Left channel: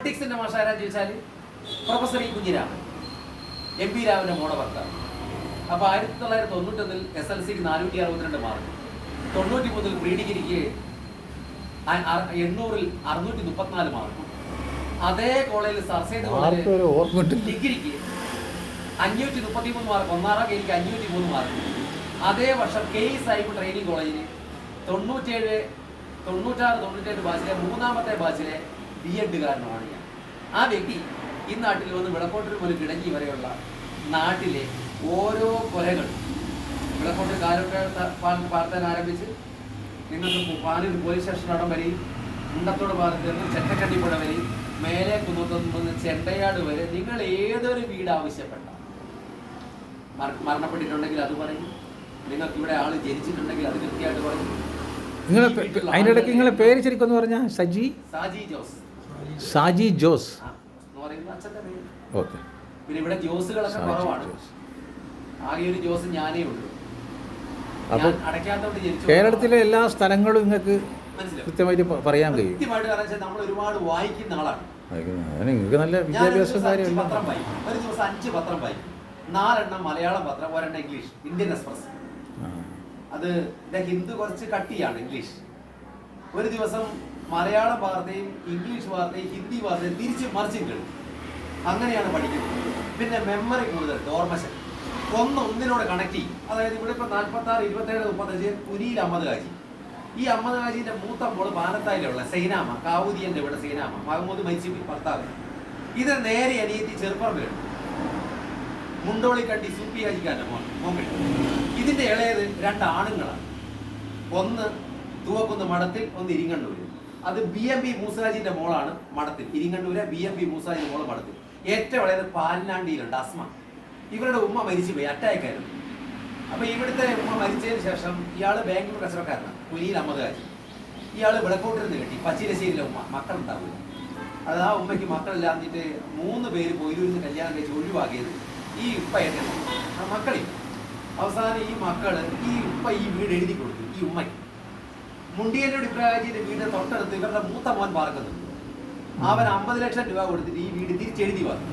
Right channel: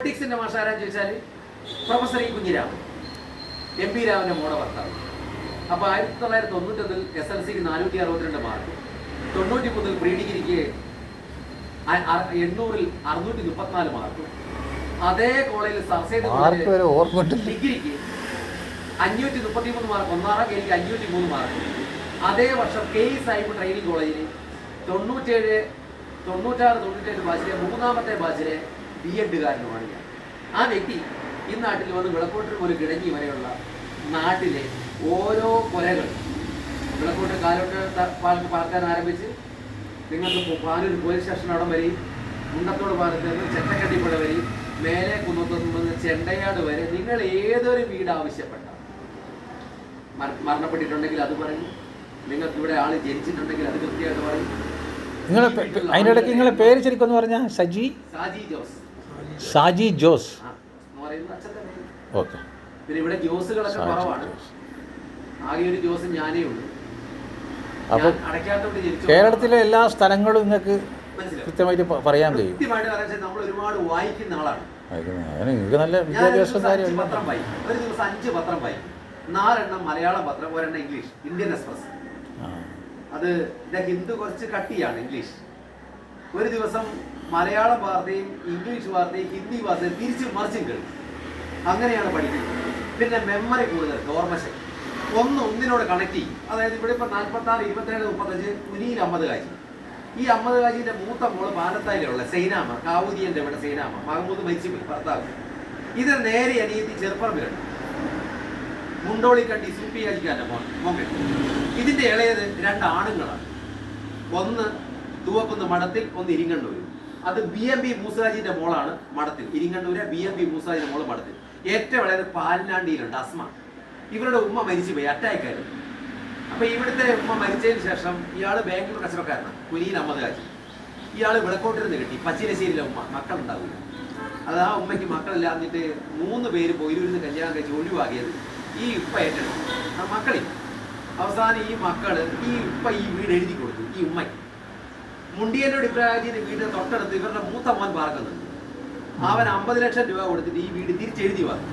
പൊളിറ്റിക്സിന്റെ മാഷാരാന്ന് ചോദിച്ചാൽ professor E Kunhiraman M P രാമന്റെ മോടെ ഭർത്താവ്. അപ്പോൾ 1991 SLCക്ക് 462 മാർക്ക്, 93 പ്രീ ഡിഗ്രിക്ക് 800-ൽ 634 മാർക്കും, അതേ കോളേജിൽ സർസൈഡ് ഡിഗ്രിക്ക് 533 മാർക്ക്, ഒന്നാറാം കേൾക്ക് 503 മാർക്ക്. അതേ വർഷം KE ട്രെയിനിങ് കോളേജിൽ 96-97 ബാച്ചിലെ 3ാമത്തെ ബാച്ചിലെ B.Ed കാരനുമാണ് ഞാൻ. ആ വ്യക്തി ഈ നാട്ടിൽ വന്ന് വിളക്കോട്ടിൽ പോലും കിടങ്ങി വരെയുള്ള നാട്ടിലെ ഓരോ കൊലകൾ, വിളക്കോട്ട് കാലോട്ട് പാർക്കാൻ ആരംഭിച്ച് നിങ്ങൾക്ക് പാനൂർ പോലീസ് സ്റ്റേഷൻ അവിടം വരെയും, മുണ്ടത്തോട് പാലത്തിൽ നിന്ന് ചെറ്റക്കട്ടിപ്പുഴ വരെയും, മേലെ കുന്നത്തുനിന്ന് ചെണ്ടയാട് വരെ നിങ്ങൾ ഏതൊരു വീട് ആവശ്യപ്പെട്ട മരണപ്പെട്ടിട്ടുണ്ടെങ്കിൽ അത് പറയും, നിങ്ങൾക്ക് ഇവിടെ ആള് ജനിച്ചിട്ടുണ്ടെങ്കിൽ അത് കൃത്യമായിട്ട് പറയും. അതിനിടയ്ക്ക് നിങ്ങളെ പേര് ശരിക്കും പറഞ്ഞാൽ സാജി ജോസ് എന്ന് പറയുന്ന അച്ഛൻ്റെ പേര്. ഓക്കെ. പിന്നെ ഇവിടെ ജോസുകളൊക്കെ കുറവാണ്, ആകെ ഒരു ജോസ് ഞാനേ ഉള്ളൂ. അപ്പോൾ കേരളത്തിലെ എല്ലാ സ്ഥലങ്ങളും നിങ്ങൾക്ക് കൃത്യമായിട്ട് പറയാൻ കഴിയും. കൃത്യമായിട്ട് പറയാൻ നമ്മൾ ഒരുപാട് വായിക്കുന്ന ആളാണ്. നിങ്ങൾക്ക് നല്ല വിദ്യാഭ്യാസം കാര്യം. പത്രം വായിക്കും, ഒരു ദിവസം 5 പത്രം വായിക്കും. 4 മലയാളം പത്രം, 1 ഇംഗ്ലീഷ്, ഇന്ത്യൻ എക്സ്പ്രസ്. അത് ഹിന്ദു കുറച്ച് കട്ടിയാണ് ഇംഗ്ലീഷ്. ഒരു ദിവസം മലയാളം വാർത്തയും ഇംഗ്ലീഷ് വാർത്തയും ഹിന്ദി വാർത്തയും തിരിച്ചും മറിച്ചും കേൾക്കും. അങ്ങനെയാണ് പഠിക്കുന്നത്. പിന്നെ മെമ്മറി കൂടുതൽ, ഓർമ്മശക്തി ഒന്നിനോട് കണക്ട് ചെയ്യും. അതായത് ഇവിടെ ഇപ്പം 46, 27, 35 കുനിയിൽ അഹമ്മദ് ഹാജി. ഈ അഹമ്മദ് ഹാജിന്റെ മൂത്ത മോള് പാലത്തായിലുള്ള സൈനാമ, കാവൂദിയന്റെ ഇവിടെ സൈനാമ, മഹമ്മൂദ് മരിച്ചുപോയി ഭർത്താവ്. ഇത് നേരെ അനിയത്തി ചെറുപ്പറമ്പിലുണ്ട്, മുണ്ടോളിക്കണ്ടി സൂപ്പി ഹാജിക്കാരൻ്റെ മോൻ. ഇതിന്റെ ഇളയത് 2 ആണുങ്ങളാണ്. ഒന്ന് തൂവക്കുന്ന് മഠത്തിൽ, ഒന്ന് ഇരിങ്ങണ്ണൂര്. അത് BMB മൂസാജിന്റെ മോളാണ് മഠത്തിൽ, ഇരിങ്ങണ്ണൂര് BMB മൂസാജിന്റെ മോള് മഠത്തിൽ. ഏറ്റവും ഇളയത് പാലനാണ്ടിയിലുണ്ട് അസ്മ. ഇവരുടെ ഉമ്മ മരിച്ചുപോയി, അറ്റാക്കായിരുന്നു. അപ്പൊ ഇവിടുത്തെ ഉമ്മ മരിച്ചതിന് ശേഷം ഇയാള് ബാംഗ്ലൂർ കച്ചവടക്കാരനാണ്, കുനിയിൽ അഹമ്മദ് ഹാജി. ഇയാള് വിളക്കോട്ടിരുന്ന് കിട്ടി, പച്ചിരശ്ശേരിയിലെ ഉമ്മ, മക്കളുണ്ടാവില്ല. അത് ആ ഉമ്മയ്ക്ക് മക്കളില്ലാഞ്ഞിട്ട് 3 പേര് പൊയിലൂരിന്ന് കല്യാണം കഴിച്ച് ഒഴിവാക്കിയത് ഈ ഉപ്പ ഏറ്റെടുത്തു, മക്കളില്ല. അവസാനം ഈ മക്കള് ഈ ഉപ്പ ഈ വീട് എഴുതി കൊടുത്തു ഈ ഉമ്മയ്ക്ക്. മുണ്ടിയനോട് ഇബ്രാഹിമിന്റെ വീടിന് തൊട്ടടുത്ത് ഇവരുടെ മൂത്ത മോൻ പാർക്കുന്നുണ്ട്. അവൻ 50 ലക്ഷം രൂപ കൊടുത്തിട്ട് ഈ വീട് തിരിച്ചെഴുതി വന്നു.